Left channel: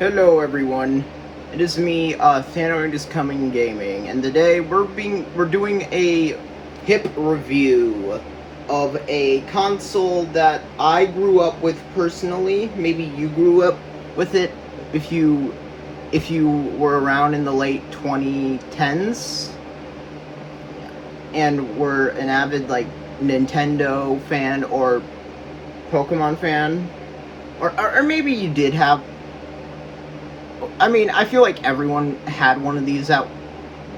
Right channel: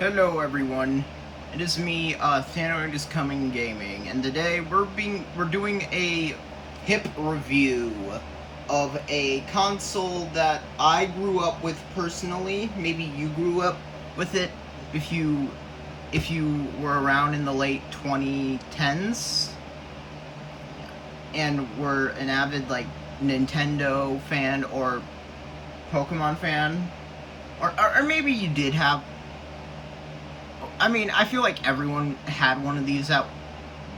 Hello everyone, it is me, Thanoid is Coming Gaming, and today we're doing a hip review of a console that I grew up with personally. Maybe you grew up with it if you were around in the late 2010s and were an avid like Nintendo fan or Pokemon fan, or maybe you did have. I mean, I feel like everyone had one of these at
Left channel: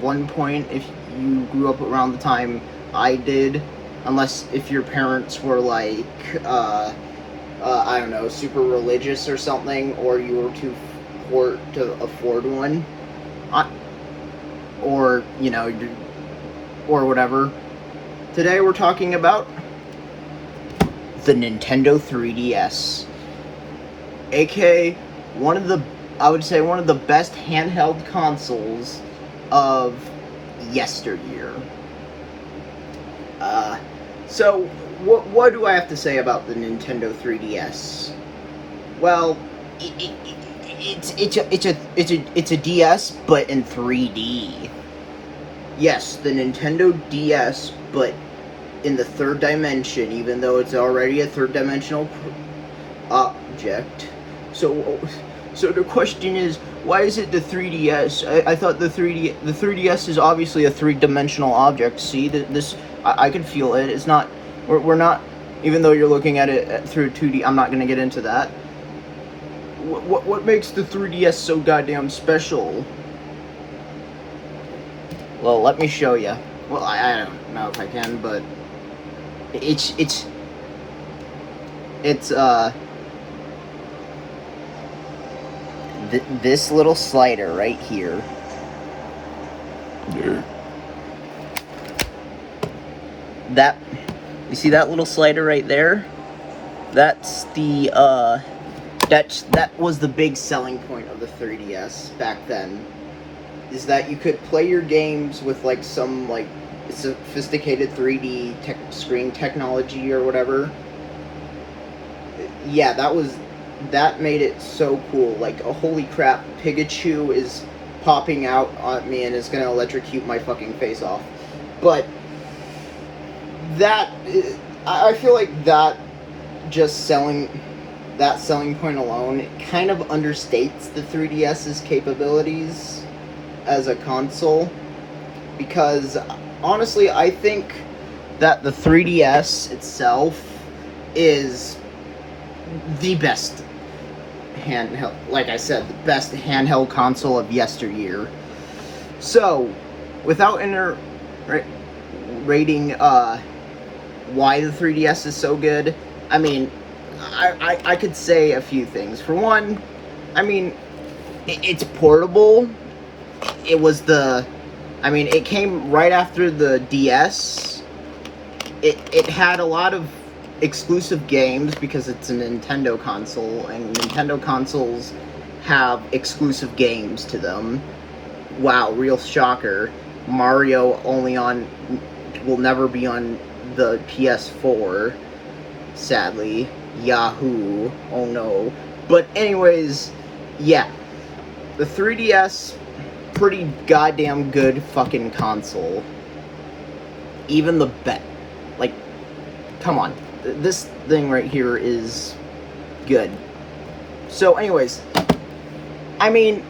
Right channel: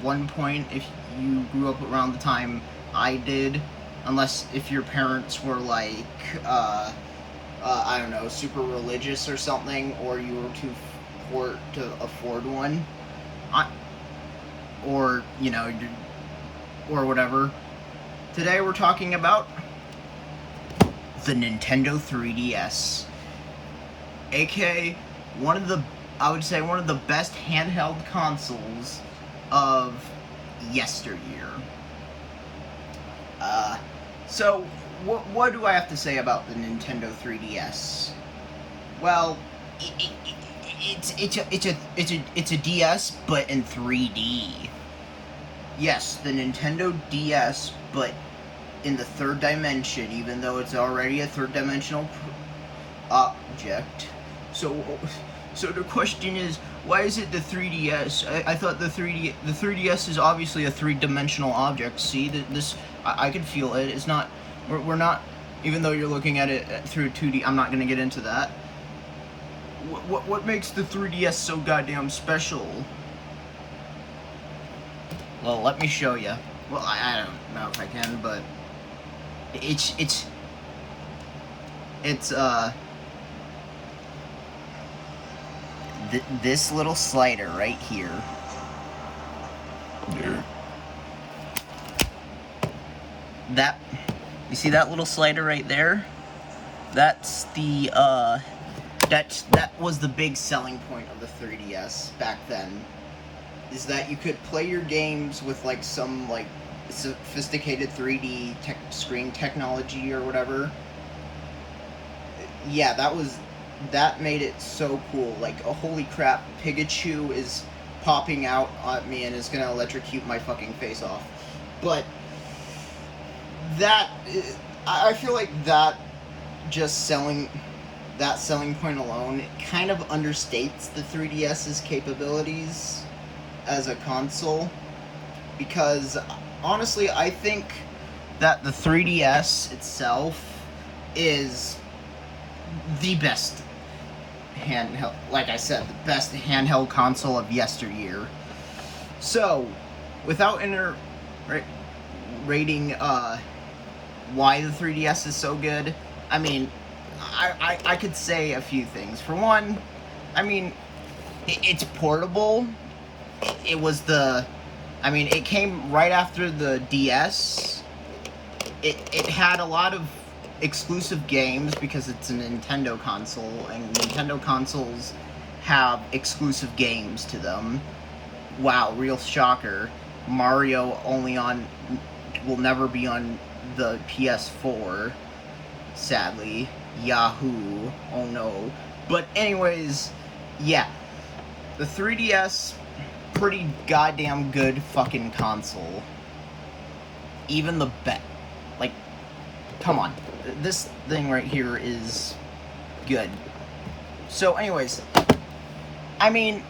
one point if you grew up around the time I did, unless if your parents were like, I don't know, super religious or something, or you were too poor to afford one, or, you know, or whatever. Today we're talking about the Nintendo 3DS, aka I would say one of the best handheld consoles of yesteryear. So what do I have to say about the Nintendo 3DS? Well, it's a DS, but in 3D. Yes, the Nintendo DS, but in the third dimension, even though it's already a third-dimensional object. So the question is, why is it the 3DS? I thought the 3DS is obviously a three-dimensional object. See, I can feel it. It's not. We're not. Even though you're looking at it through 2D, I'm not gonna get into that. What makes the 3DS so goddamn special? Well, let me show you. Well, I don't know if I can, but it's this little slider right here. That, you see that little slider right there? That's the that was the big selling point of the 3DS back then. Is that you could play your games with like some like sophisticated 3D screen technology or whatever. Yeah, that made it so cool. Like, oh, holy crap, Pikachu is popping out at me and is gonna electrocute my fucking face off. But I feel like that selling point alone kind of understates the 3DS's capabilities as a console, because honestly I think that the 3DS itself is the best handheld, like I said, the best handheld console of yesteryear. So, without rating why the 3DS is so good, I mean, I could say a few things. For one, I mean, it's portable. It came right after the DS. It had a lot of exclusive games because it's a Nintendo console, and Nintendo consoles have exclusive games to them. Wow, real shocker. Mario will never be on the PS4, sadly. Yahoo, oh no. But anyways, yeah, the 3DS, pretty goddamn good fucking console. Even the like, come on, this thing right here is good. So anyways, I mean,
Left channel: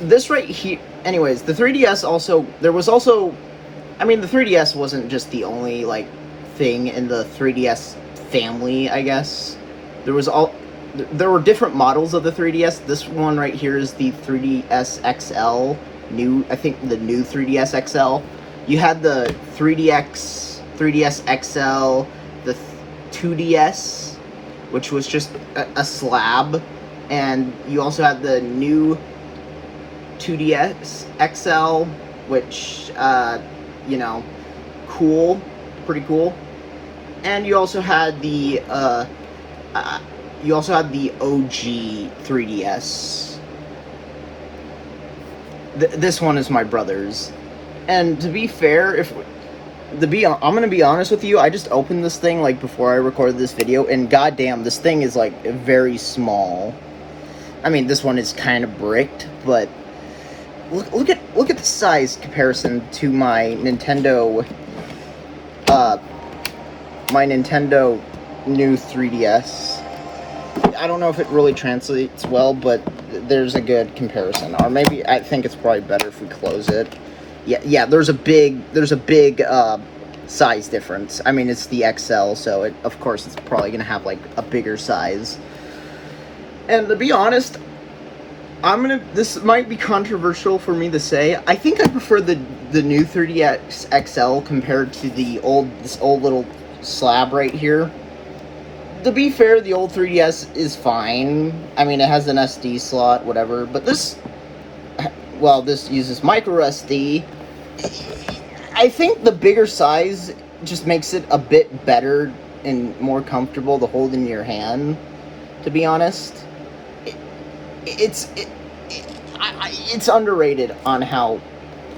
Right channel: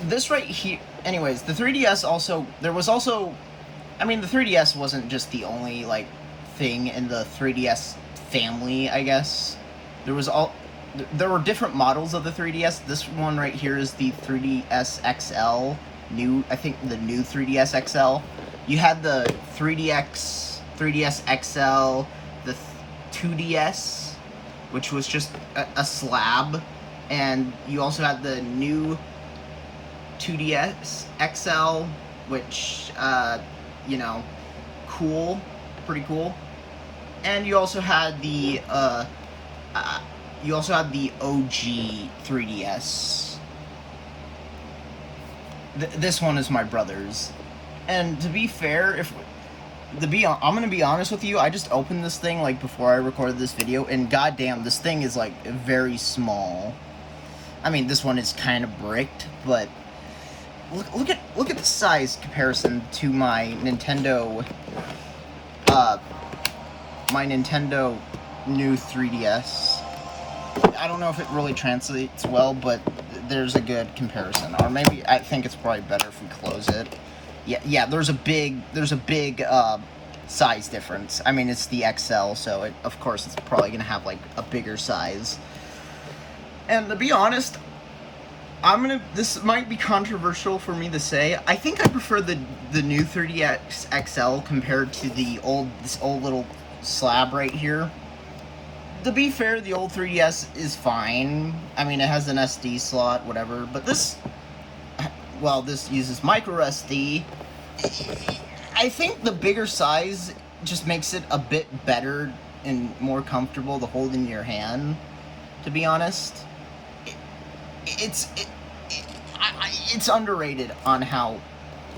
this right here, anyways, the 3DS also, the 3DS wasn't just the only, like, thing in the 3DS family, I guess. There were different models of the 3DS. This one right here is the 3DS XL, I think the new 3DS XL. You had the 3DS XL, the 2DS, which was just a slab, and you also had the new 2DS XL, which, you know, pretty cool. And you also had the OG 3DS. This one is my brother's. And to be fair, I'm gonna be honest with you, I just opened this thing like before I recorded this video, and goddamn, this thing is like very small. I mean, this one is kind of bricked, but look at the size comparison to my Nintendo new 3DS. I don't know if it really translates well, but there's a good comparison. Or maybe I think it's probably better if we close it. Yeah. There's a big size difference. I mean, it's the XL, so of course it's probably gonna have like a bigger size. And to be honest, this might be controversial for me to say. I think I prefer the new 3DS XL compared to this old little slab right here. To be fair, the old 3DS is fine. I mean, it has an SD slot, whatever. But this uses micro SD. I think the bigger size just makes it a bit better and more comfortable to hold in your hand, to be honest. It's underrated on how,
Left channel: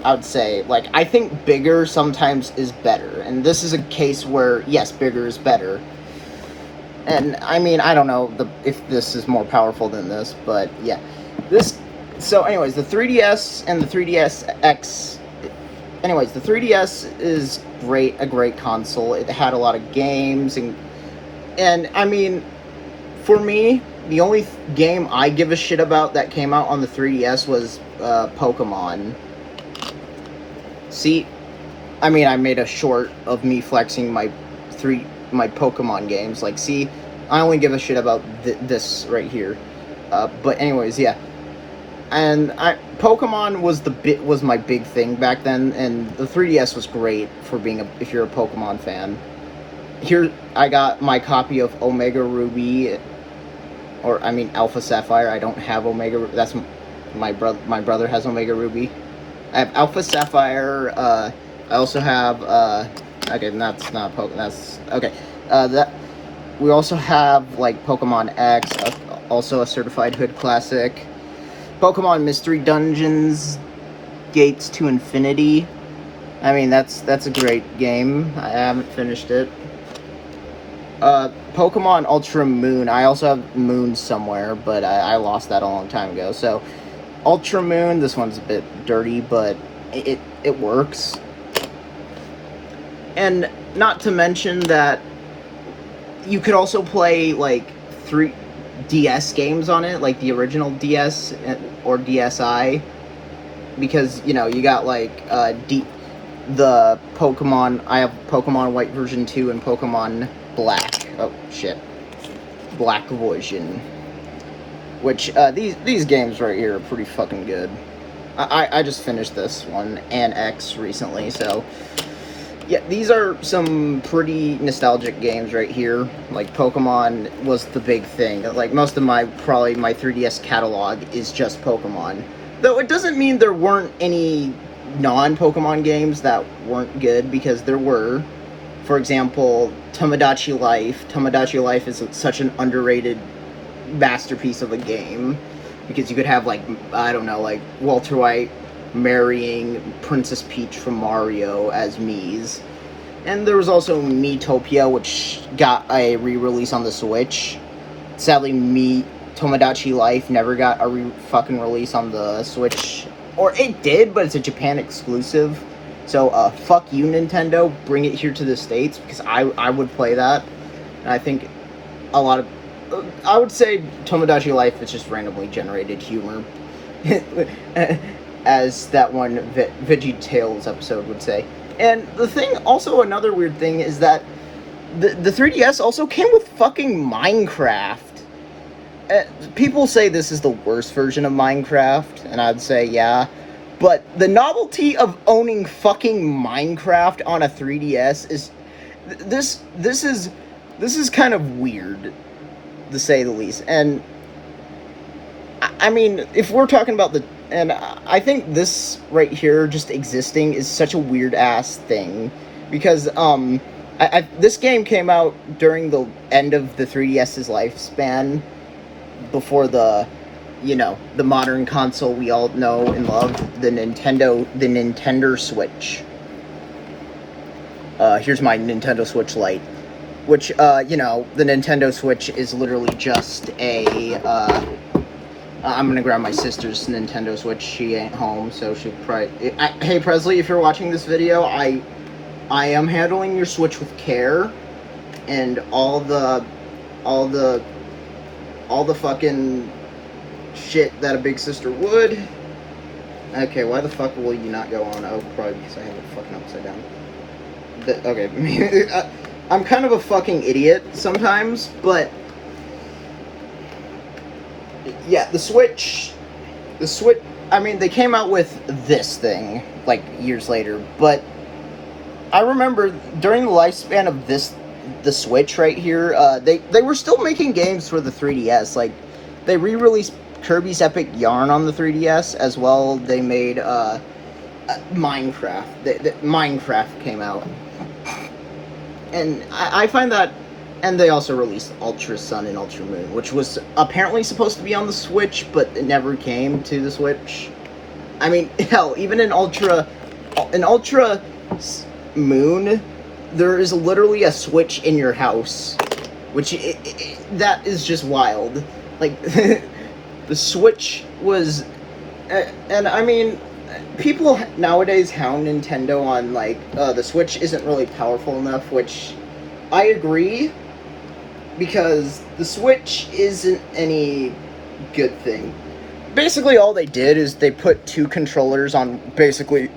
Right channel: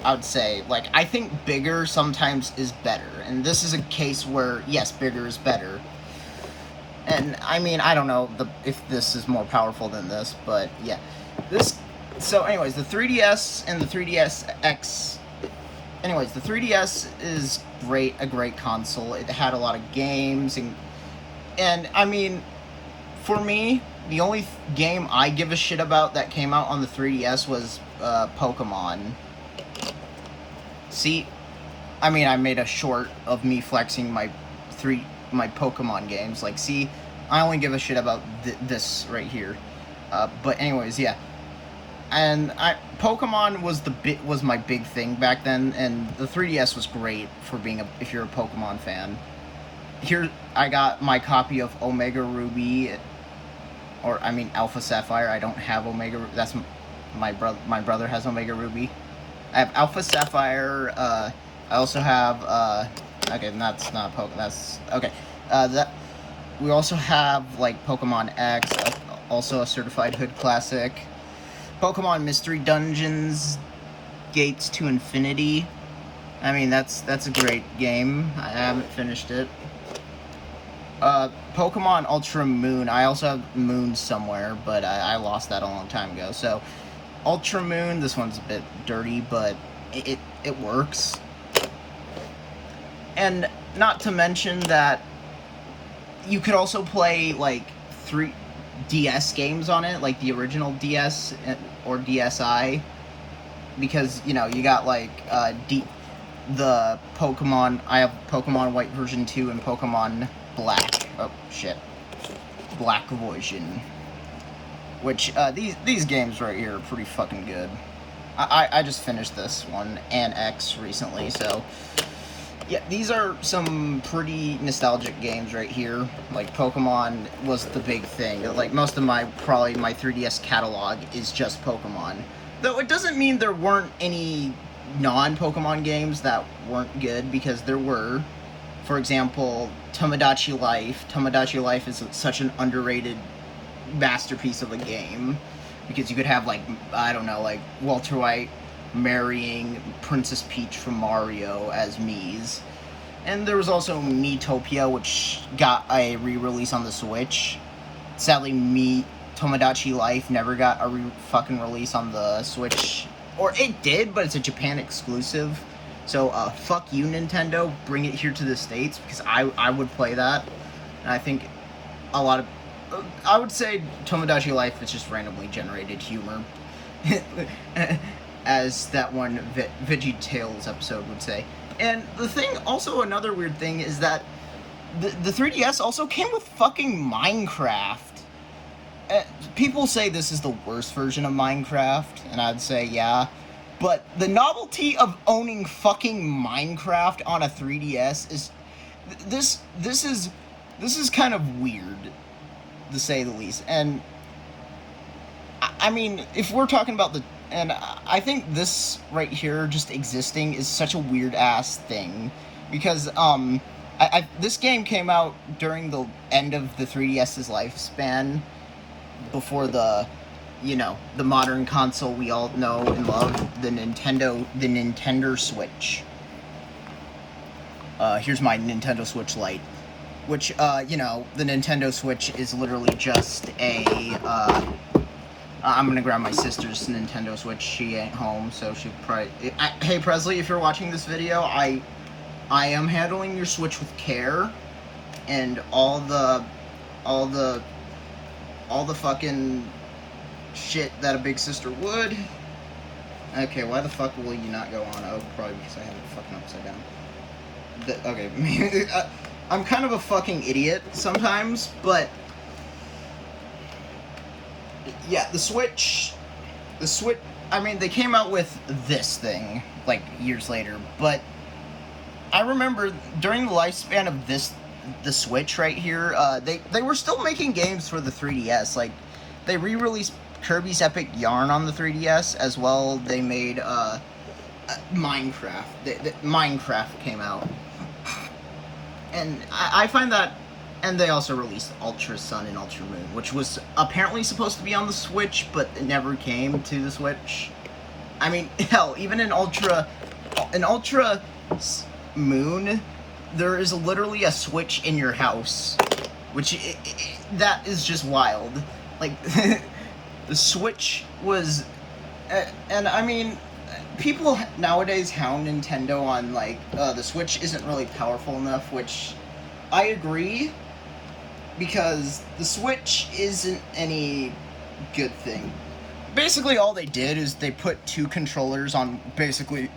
I would say, like, I think bigger sometimes is better. And this is a case where, yes, bigger is better. And, I mean, I don't know if this is more powerful than this, but, yeah. So, anyways, the 3DS and the 3DS X... Anyways, the 3DS is a great console. It had a lot of games, and I mean, for me, the only game I give a shit about that came out on the 3DS was Pokemon. See, I mean, I made a short of me flexing my Pokemon games. Like, see, I only give a shit about this right here. But anyways, yeah. And Pokemon was my big thing back then, and the 3DS was great for if you're a Pokemon fan. Here, I got my copy of Omega Ruby, or I mean Alpha Sapphire. I don't have Omega. That's my brother. My brother has Omega Ruby. I have Alpha Sapphire. I also have. Okay, that's not Pokemon. That's okay. We also have like Pokemon X, also a certified hood classic. Pokemon Mystery Dungeons, Gates to Infinity. I mean, that's a great game. I haven't finished it. Pokemon Ultra Moon. I also have Moon somewhere, but I lost that a long time ago. So, Ultra Moon. This one's a bit dirty, but it works. And not to mention that you could also play like 3 DS games on it, like the original DS or DSi, because you know you got like the Pokemon. I have Pokemon White version 2 and Pokemon Black. Oh shit, Black version. Which these games right here are pretty fucking good. I just finished this one and X recently, so. Yeah, these are some pretty nostalgic games right here. Like, Pokemon was the big thing. Like, most of my 3DS catalog is just Pokemon. Though it doesn't mean there weren't any non-Pokemon games that weren't good, because there were. For example, Tomodachi Life. Tomodachi Life is such an underrated masterpiece of a game. Because you could have, like, I don't know, like, Walter White marrying Princess Peach from Mario as Mii's. And there was also Miitopia, which got a re-release on the Switch. Sadly, Tomodachi Life never got a fucking release on the Switch. Or it did, but it's a Japan exclusive. So, fuck you, Nintendo. Bring it here to the States, because I would play that. And I think a lot of... I would say Tomodachi Life is just randomly generated humor. As that one Veggie Tales episode would say. And the thing, also another weird thing, is that the 3DS also came with fucking Minecraft. People say this is the worst version of Minecraft, and I'd say yeah. But the novelty of owning fucking Minecraft on a 3DS is... This is kind of weird, to say the least. And I mean, if we're talking about and I think this right here, just existing, is such a weird-ass thing. Because, this game came out during the end of the 3DS's lifespan. Before the modern console we all know and love, the Nintendo Switch. Here's my Nintendo Switch Lite. Which, the Nintendo Switch is literally just a I'm gonna grab my sister's Nintendo Switch. She ain't home, so she'll probably. Hey Presley, if you're watching this video, I am handling your Switch with care, and all the fucking shit that a big sister would. Okay, why the fuck will you not go on? Oh, probably because I have it fucking upside down. Okay, I'm kind of a fucking idiot sometimes, but yeah, the Switch, I mean, they came out with this thing, like, years later, but I remember during the lifespan of the Switch right here, they were still making games for the 3DS, like, they re-released Kirby's Epic Yarn on the 3DS, as well, they made, Minecraft. Minecraft came out. And I find that, and they also released Ultra Sun and Ultra Moon, which was apparently supposed to be on the Switch, but it never came to the Switch. I mean, hell, even in Ultra Moon, there is literally a Switch in your house, which that is just wild. Like, the Switch was, and I mean, people nowadays hound Nintendo on, like, the Switch isn't really powerful enough, which I agree, because the Switch isn't any good thing. Basically, all they did is they put two controllers on, basically,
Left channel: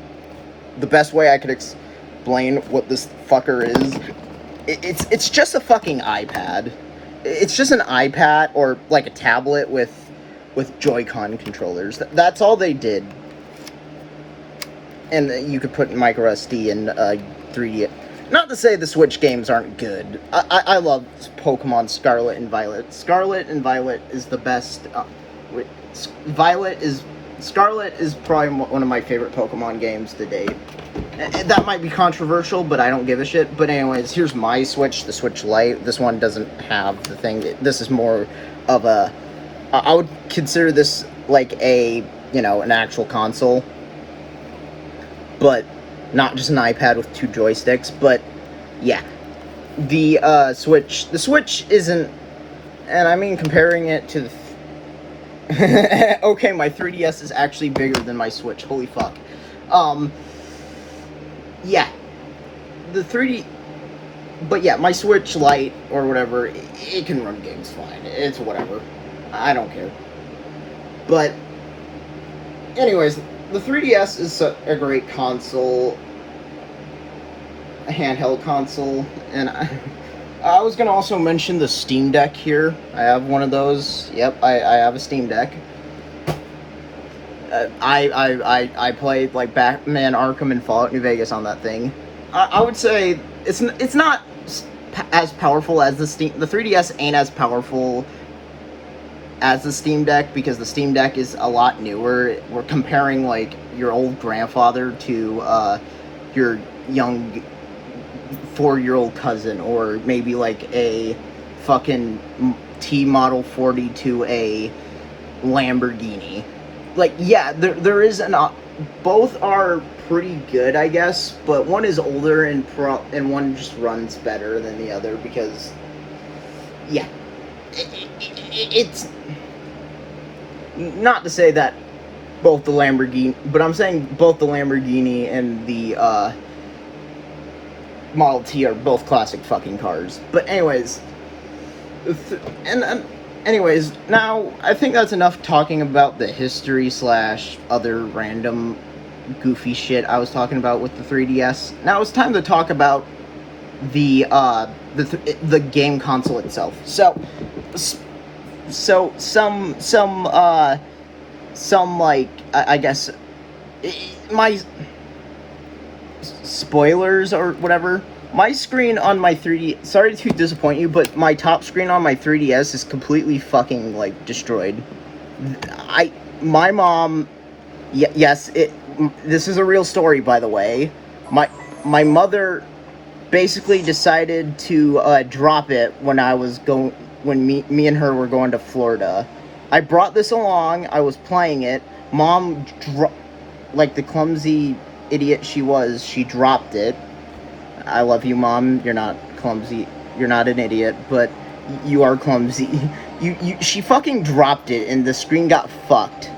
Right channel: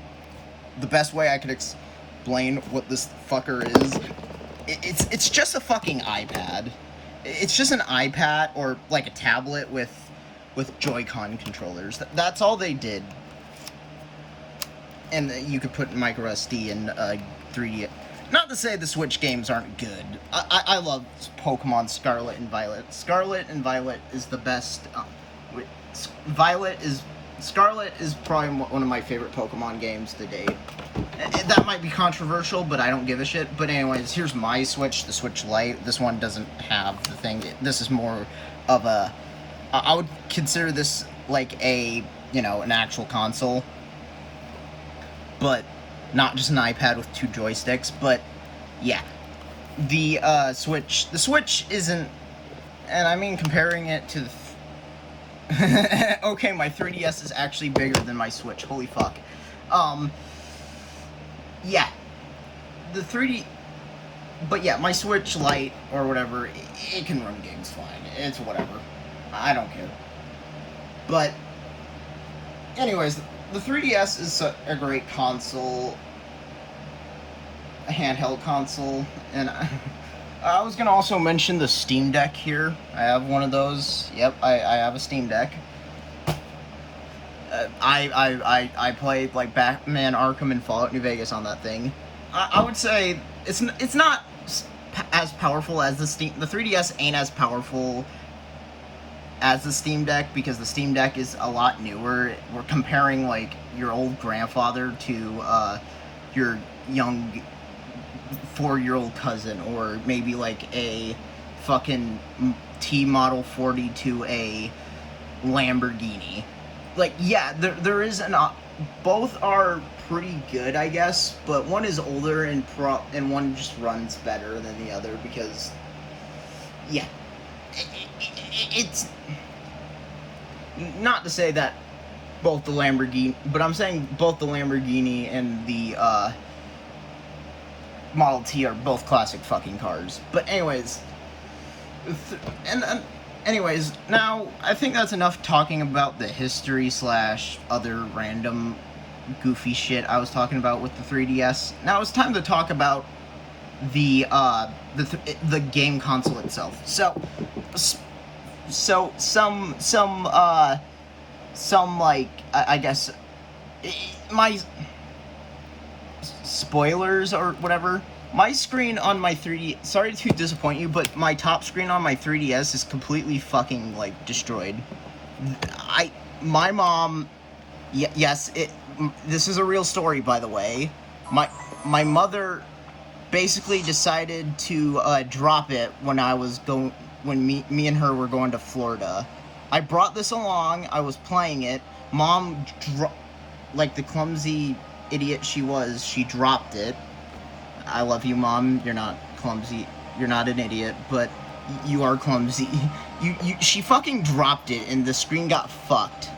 the best way I could explain what this fucker is. It's just a fucking iPad. It's just an iPad, or, like, a tablet with Joy-Con controllers. That's all they did. And you could put micro SD and 3D. Not to say the Switch games aren't good. I love Pokemon Scarlet and Violet. Scarlet and Violet is the best. Scarlet is probably one of my favorite Pokemon games to date. That might be controversial, but I don't give a shit. But anyways, here's my Switch, the Switch Lite. This one doesn't have the thing. This is more of a... I would consider this like a, an actual console. But not just an iPad with two joysticks. But yeah, the Switch isn't, and I mean comparing it to the okay, my 3DS is actually bigger than my Switch. Holy fuck. Yeah, the 3D, but yeah, my Switch Lite or whatever, it can run games fine. It's whatever. I don't care. But anyways, the 3DS is a great console, a handheld console, and I was gonna also mention the Steam Deck here. I have one of those. Yep, I have a Steam Deck. I played like Batman Arkham and Fallout New Vegas on that thing. I would say it's not as powerful as the 3DS ain't as powerful as the Steam Deck, because the Steam Deck is a lot newer. We're comparing like your old grandfather to your young 4-year-old cousin, or maybe like a fucking T Model 40 to a Lamborghini. Like, yeah, there is both are pretty good, I guess, but one is older and one just runs better than the other, because yeah, it's not to say that both the Lamborghini, but I'm saying both the Lamborghini and the Model T are both classic fucking cars. But anyways, anyways, now I think that's enough talking about the history / other random goofy shit I was talking about with the 3DS. Now it's time to talk about the game console itself. So some like, I guess, my spoilers or whatever, my screen on my 3D, sorry to disappoint you, but my top screen on my 3DS is completely fucking, like, destroyed. My mom, yes, this is a real story, by the way. My mother basically decided to drop it when me and her were going to Florida. I brought this along, I was playing it, Mom, like the clumsy idiot she was, she dropped it. I love you, Mom, you're not clumsy, you're not an idiot, but You are clumsy. She fucking dropped it and the screen got fucked.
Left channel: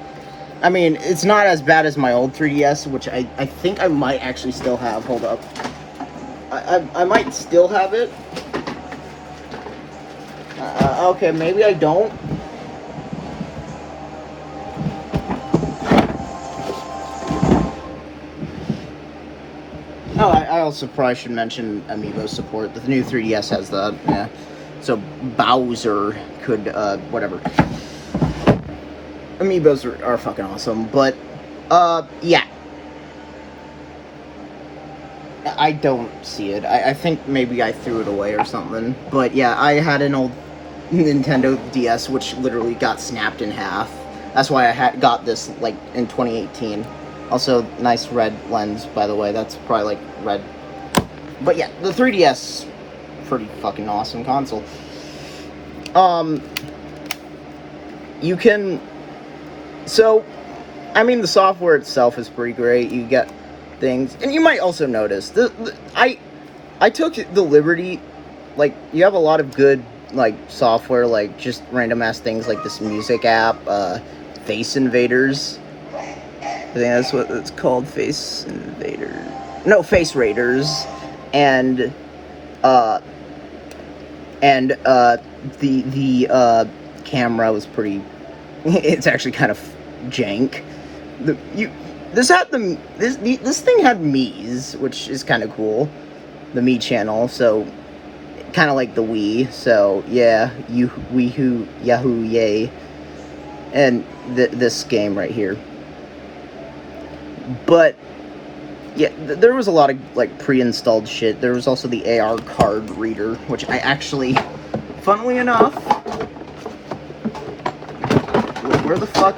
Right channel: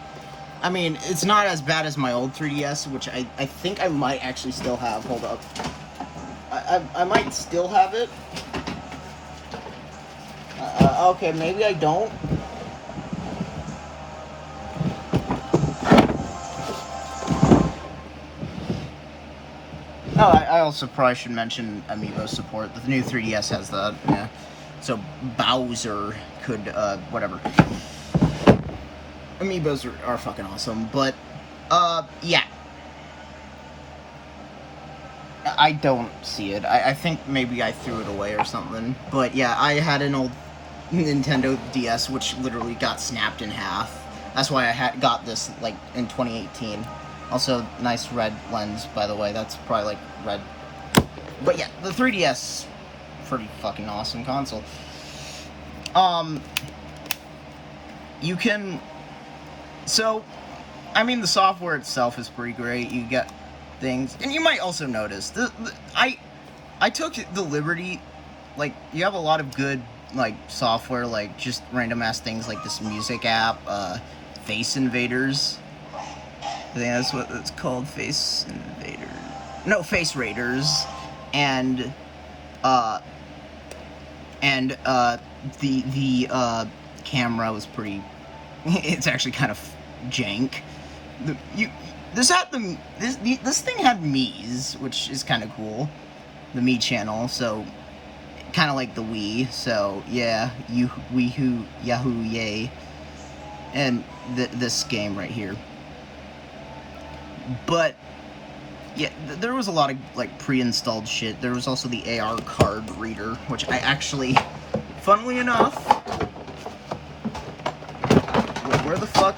I mean, it's not as bad as my old 3DS, which I think I might actually still have. Hold up. I might still have it. Okay, maybe I don't. Oh, I also probably should mention Amiibo support. The new 3DS has that, yeah. So Bowser could, whatever. Amiibos are fucking awesome, but, yeah. I don't see it. I think maybe I threw it away or something. But yeah, I had an old Nintendo DS which literally got snapped in half. That's why I got this, like, in 2018. Also, nice red lens, by the way. That's probably, like, red. But yeah, the 3DS, pretty fucking awesome console. You can... So, I mean, the software itself is pretty great. You get things... And you might also notice, I took the liberty... Like, you have a lot of good, like, software, like, just random-ass things like this music app, Face Invaders. I think that's what it's called, Face Invaders. No, Face Raiders. And the camera was pretty... It's actually kind of jank. This thing had Mii's, which is kind of cool. The Mii channel, so kind of like the Wii. So yeah, Yahoo, yay. And this game right here. But yeah, there was a lot of like pre-installed shit. There was also the AR card reader, which I actually, funnily enough, where the fuck?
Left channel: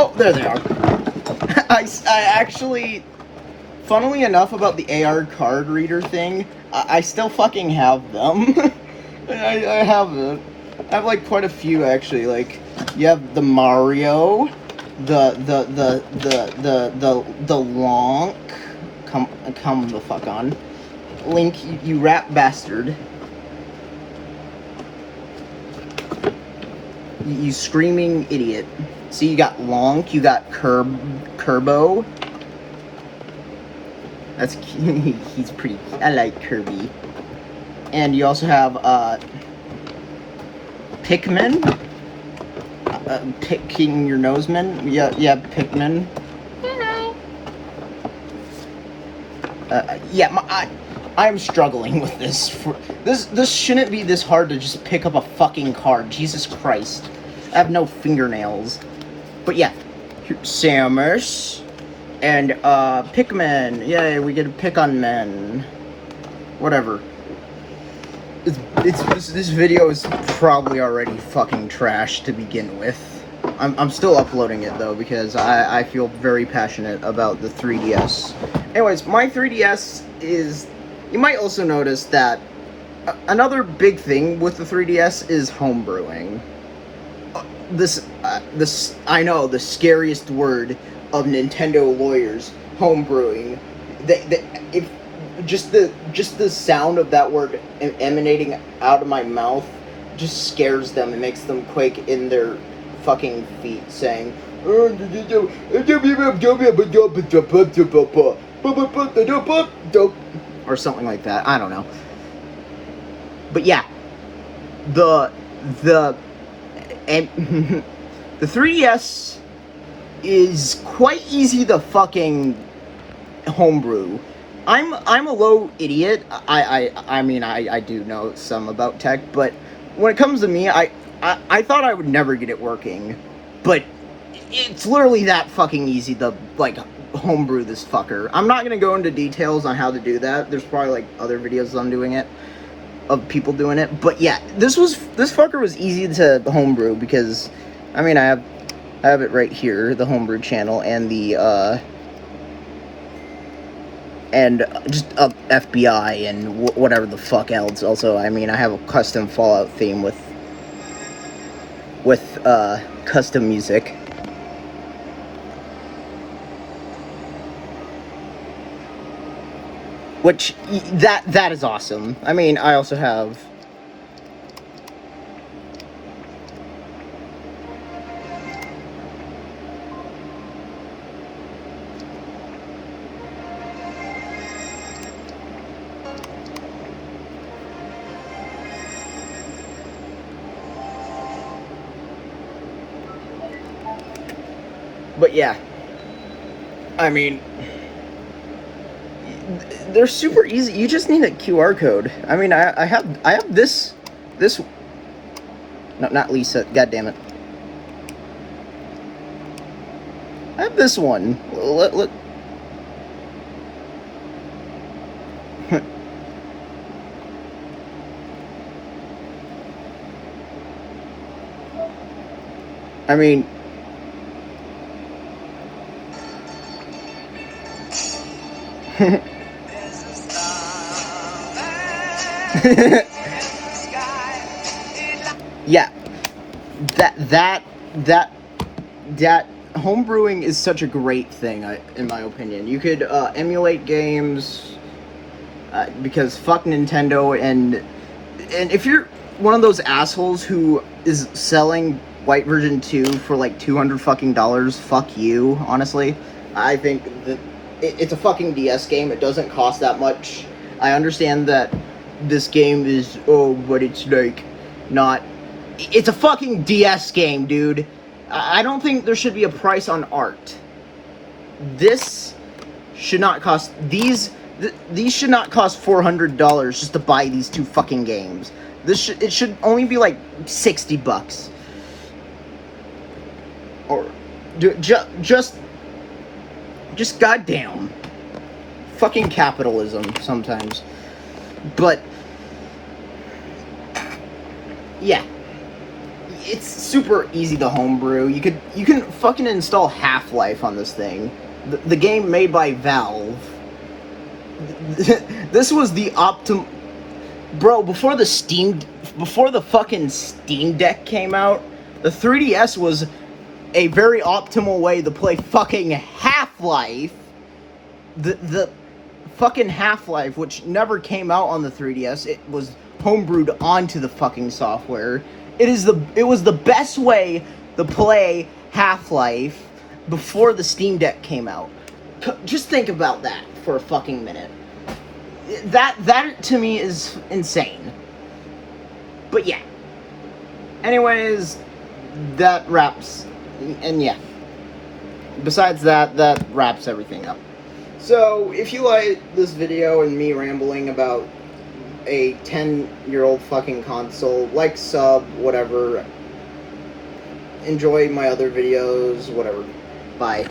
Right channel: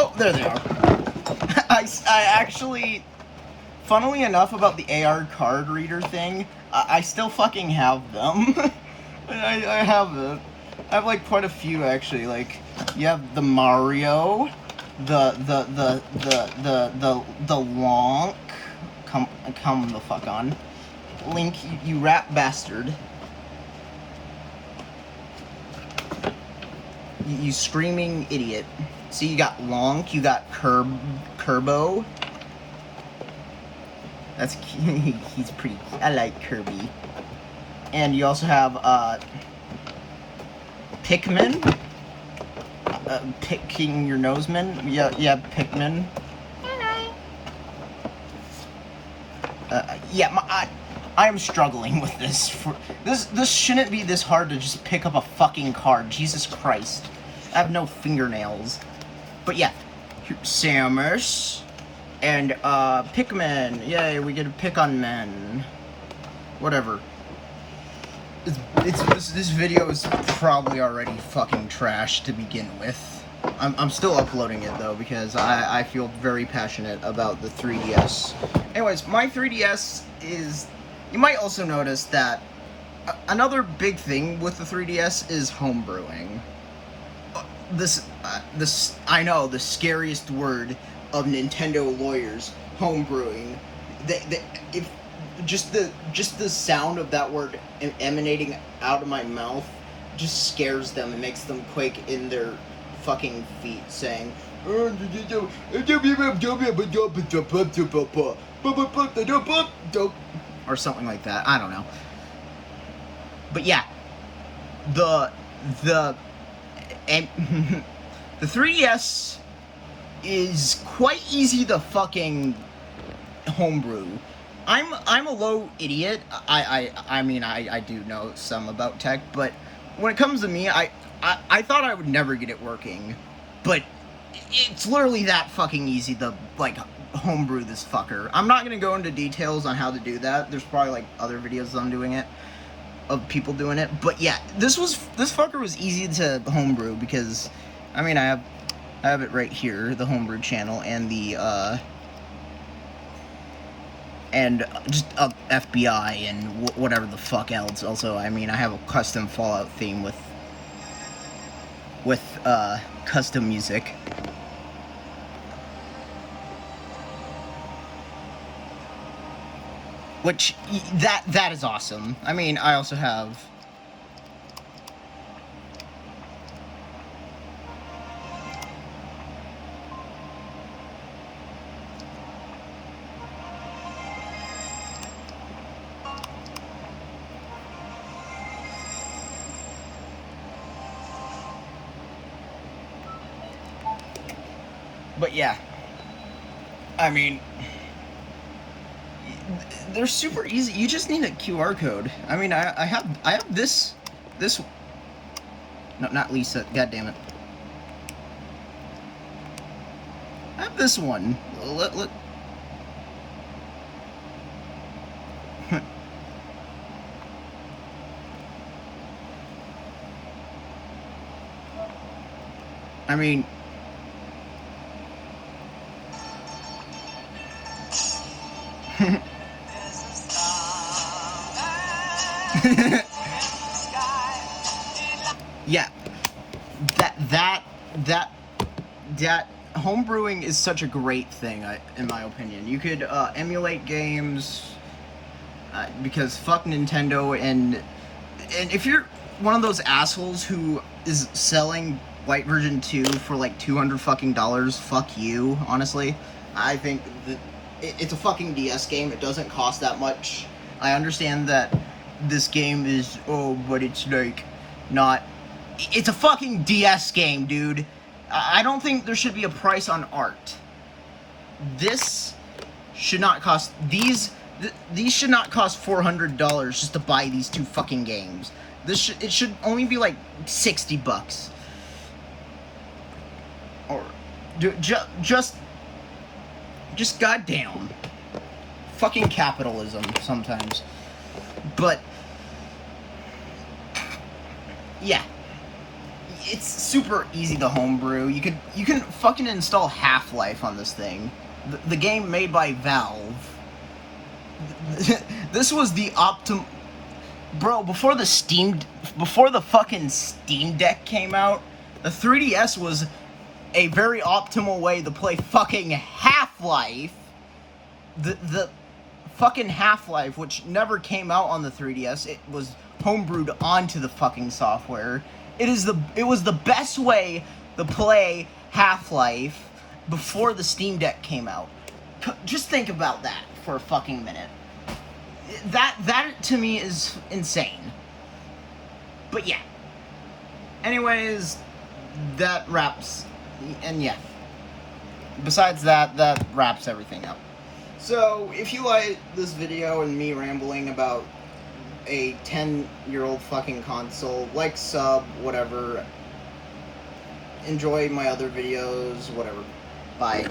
Oh, there they are. I actually, funnily enough, about the AR card reader thing, I still fucking have them. I have it. I have like quite a few actually. Like, you have the Mario, the Lonk. Come the fuck on, Link, you rat bastard. You screaming idiot. See, you got Lonk, you got Kerbo. That's he's pretty. I like Kirby. And you also have Pikmin. Picking your noseman. Yeah, Pikmin. You know. Yeah, I am struggling with this. This shouldn't be this hard to just pick up a fucking card. Jesus Christ. I have no fingernails. But yeah, Samus and Pikmin. Yay, we get to pick on men. Whatever. This video is probably already fucking trash to begin with. I'm still uploading it though because I feel very passionate about the 3DS. Anyways, my 3DS is... You might also notice that another big thing with the 3DS is homebrewing. This I know, the scariest word of Nintendo lawyers, homebrewing. If just the sound of that word emanating out of my mouth just scares them and makes them quake in their fucking feet, saying or something like that. I don't know. But yeah, the 3DS is quite easy to fucking homebrew. I'm a low idiot. I mean I do know some about tech, but when it comes to me, I thought I would never get it working, but it's literally that fucking easy to like homebrew this fucker. I'm not gonna go into details on how to do that. There's probably like other videos on doing it, of people doing it, but yeah, this fucker was easy to homebrew because I mean I have it right here, the homebrew channel, and the and just FBI and whatever the fuck else. Also, I mean, I have a custom Fallout theme with custom music. which that is awesome. I mean, I also have. But yeah, I mean, they're super easy. You just need a QR code. I mean, I have this. No, not Lisa. God damn it. I have this one. Let I mean. Yeah, that homebrewing is such a great thing, in my opinion. You could emulate games because fuck Nintendo, and if you're one of those assholes who is selling White Version 2 for like $200 fucking dollars, fuck you. Honestly, I think that it's a fucking DS game. It doesn't cost that much. I understand that this game is but it's like not. It's a fucking DS game, dude. I don't think there should be a price on art. This should not cost these should not cost $400 just to buy these two fucking games. It should only be like $60. Or just goddamn fucking capitalism sometimes. But yeah, it's super easy to homebrew. You can fucking install Half-Life on this thing. The game made by Valve. This was the bro, before the fucking Steam Deck came out, the 3DS was a very optimal way to play fucking Half-Life. The fucking Half-Life, which never came out on the 3DS, it was homebrewed onto the fucking software. It was the best way to play Half-Life before the Steam Deck came out. Just think about that for a fucking minute. That to me is insane. But yeah. Anyways, that wraps, and yeah. Besides that wraps everything up. So, if you like this video and me rambling about a 10-year-old fucking console, like, sub, whatever. Enjoy my other videos, whatever. Bye.